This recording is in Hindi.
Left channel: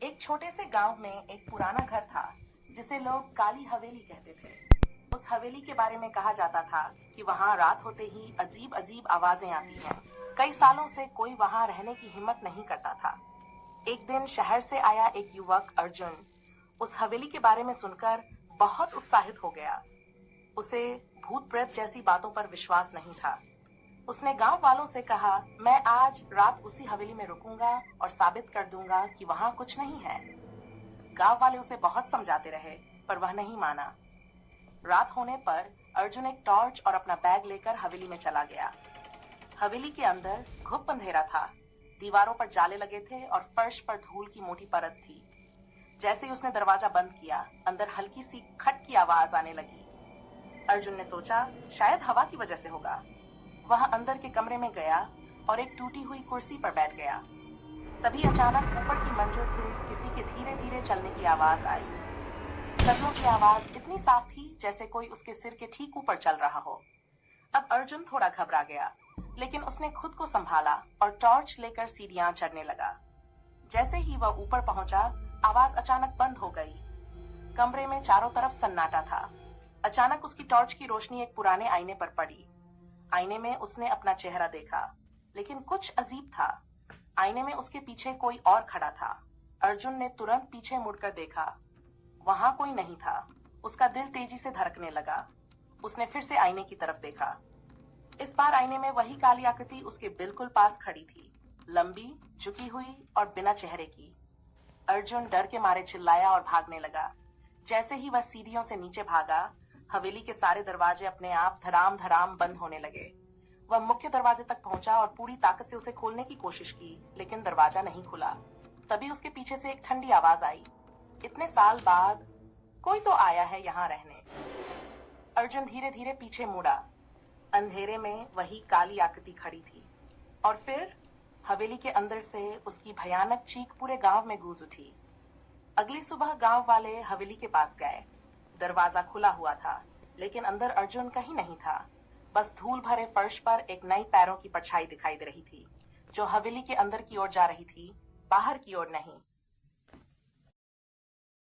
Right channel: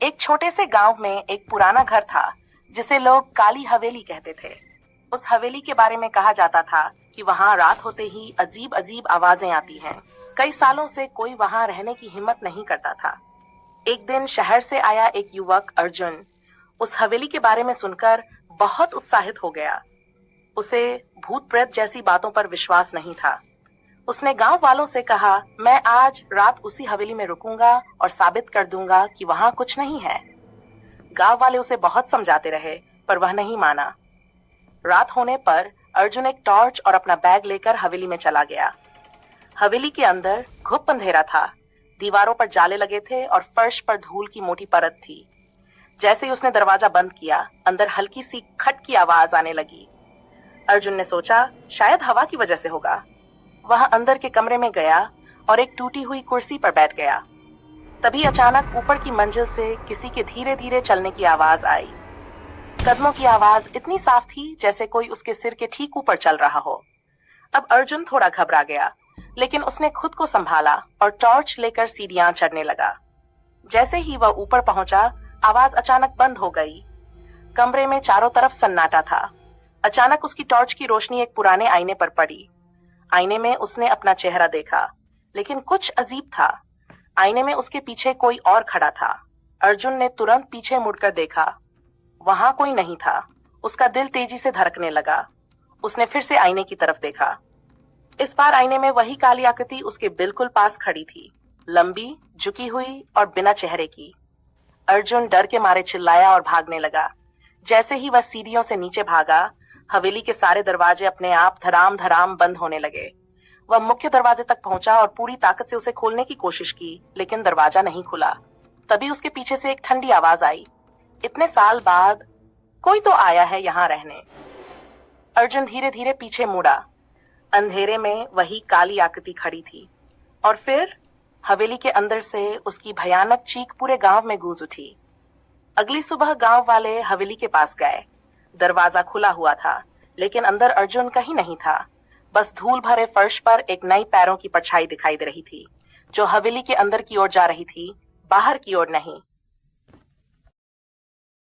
एक छोटे से गांव में एक पुराना घर था जिसे लोग काली हवेली कहते थे। उस हवेली के बारे में कहा जाता था कि वहां रात होते ही अजीब अजीब आवाजें आती हैं। कई सालों से कोई वहां रहने की हिम्मत नहीं करता था। एक दिन शहर से आया एक युवक अर्जुन उस हवेली के बारे में सुनकर बहुत उत्साहित हो गया। उसे भूत प्रेत जैसी बातों पर विश्वास नहीं था। उसने गांव वालों से कहा, मैं आज रात उसी हवेली में रुकूंगा और साबित कर दूंगा कि वहां कुछ नहीं है। गांव वाले उसे बहुत समझाते रहे, पर वह नहीं माना। रात होने पर अर्जुन एक टॉर्च और अपना बैग लेकर हवेली में चला गया। हवेली के अंदर घुप अंधेरा था। दीवारों पर जाले लगे थे और फर्श पर धूल की मोटी परत थी। जैसे ही उसने दरवाजा बंद किया, अंदर हल्की सी खट की आवाज आने लगी। अर्जुन ने सोचा, शायद हवा की वजह से होगा। वह अंदर के कमरे में गया और एक टूटी हुई कुर्सी पर बैठ गया। तभी अचानक ऊपर की मंजिल से किसी के धीरे धीरे चलने की आवाज आई। कदमों की आवाज इतनी साफ थी जैसे कोई उसके सिर के ठीक ऊपर चल रहा हो। अब अर्जुन थोड़ा घबरा गया, लेकिन उसने खुद को संभाला और टॉर्च लेकर सीढ़ियां चढ़ने लगा। जैसे ही वह ऊपर पहुंचा, आवाज अचानक बंद हो गई। कमरे में चारों तरफ सन्नाटा था। अचानक उसकी टॉर्च की रोशनी एक पुराने आईने पर पड़ी। आईने में उसने अपना चेहरा देखा, लेकिन कुछ अजीब था। आईने में उसके पीछे कोई और खड़ा था। अर्जुन ने तुरंत पीछे मुड़कर देखा। वहां कोई नहीं था। उसका दिल तेजी से धड़कने लगा। उसने फिर से आईने की तरफ देखा। इस बार आईने में वही काली आकृति उसके बिल्कुल पास खड़ी थी, लंबी, झुकी हुई और बिना चेहरे की। अर्जुन डर के मारे चिल्लाया और भागने लगा। जैसे ही वह सीढ़ियों से नीचे भागा, हवेली के सारे दरवाजे अपने आप धड़ाम धड़ाम बंद होने लगे। वह मुख्य दरवाजे तक पहुंचा और पूरी ताकत से उसे खोलने की कोशिश की, लेकिन दरवाजा नहीं खुला। तभी उसके पीछे से एक ठंडी आवाज आई, इतने साल बाद कोई तो आया है यहाँ रहने। अर्जुन धीरे धीरे पीछे मुड़ा। अंधेरे में वही काली आकृति खड़ी थी। और फिर हवेली के अंदर से उसकी भयानक चीख पूरे गांव में गूंज उठी। अगली सुबह गांव वाले हवेली के पास गए। दरवाजा खुला हुआ था, लेकिन अंदर अर्जुन कहीं नहीं था। बस धूल भरे फर्श पर एक नई पैरों की परछाई दिखाई दे रही थी, जो हवेली के अंदर की ओर जा रही थी, बाहर की ओर नहीं।